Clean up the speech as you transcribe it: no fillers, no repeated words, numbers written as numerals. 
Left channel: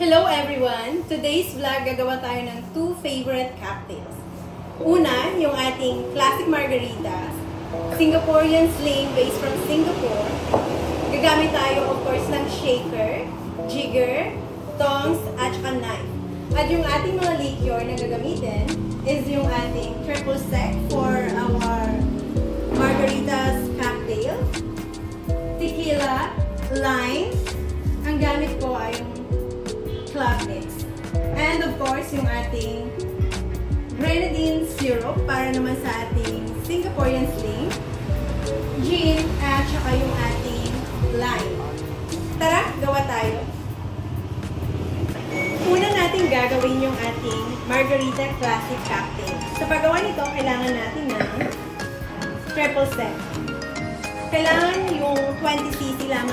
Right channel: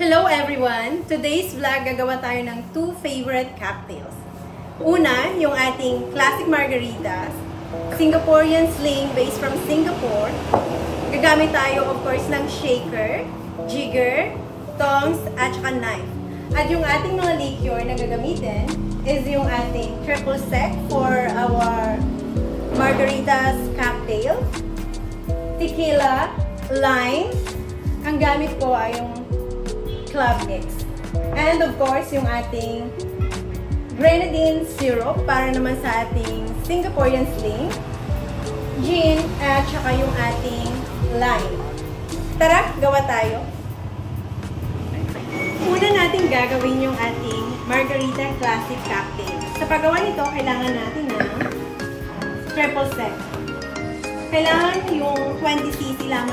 Hello everyone! Today's vlog, gagawa tayo ng two favorite cocktails. Una, yung ating classic margaritas, Singaporean sling based from Singapore. Gagamit tayo of course ng shaker, jigger, tongs, at saka knife. At yung ating mga liqueur na gagamitin is yung ating triple sec for our margaritas cocktail, tequila, lime, ang gamit ko ay yung Club X. And of course, yung ating grenadine syrup para naman sa ating Singaporean sling, gin, at saka yung ating lime. Tara, gawa tayo! Una natin gagawin yung ating Margarita Classic Cocktail. Sa paggawa nito, kailangan natin ng triple sec. Kailangan yung 20cc lamang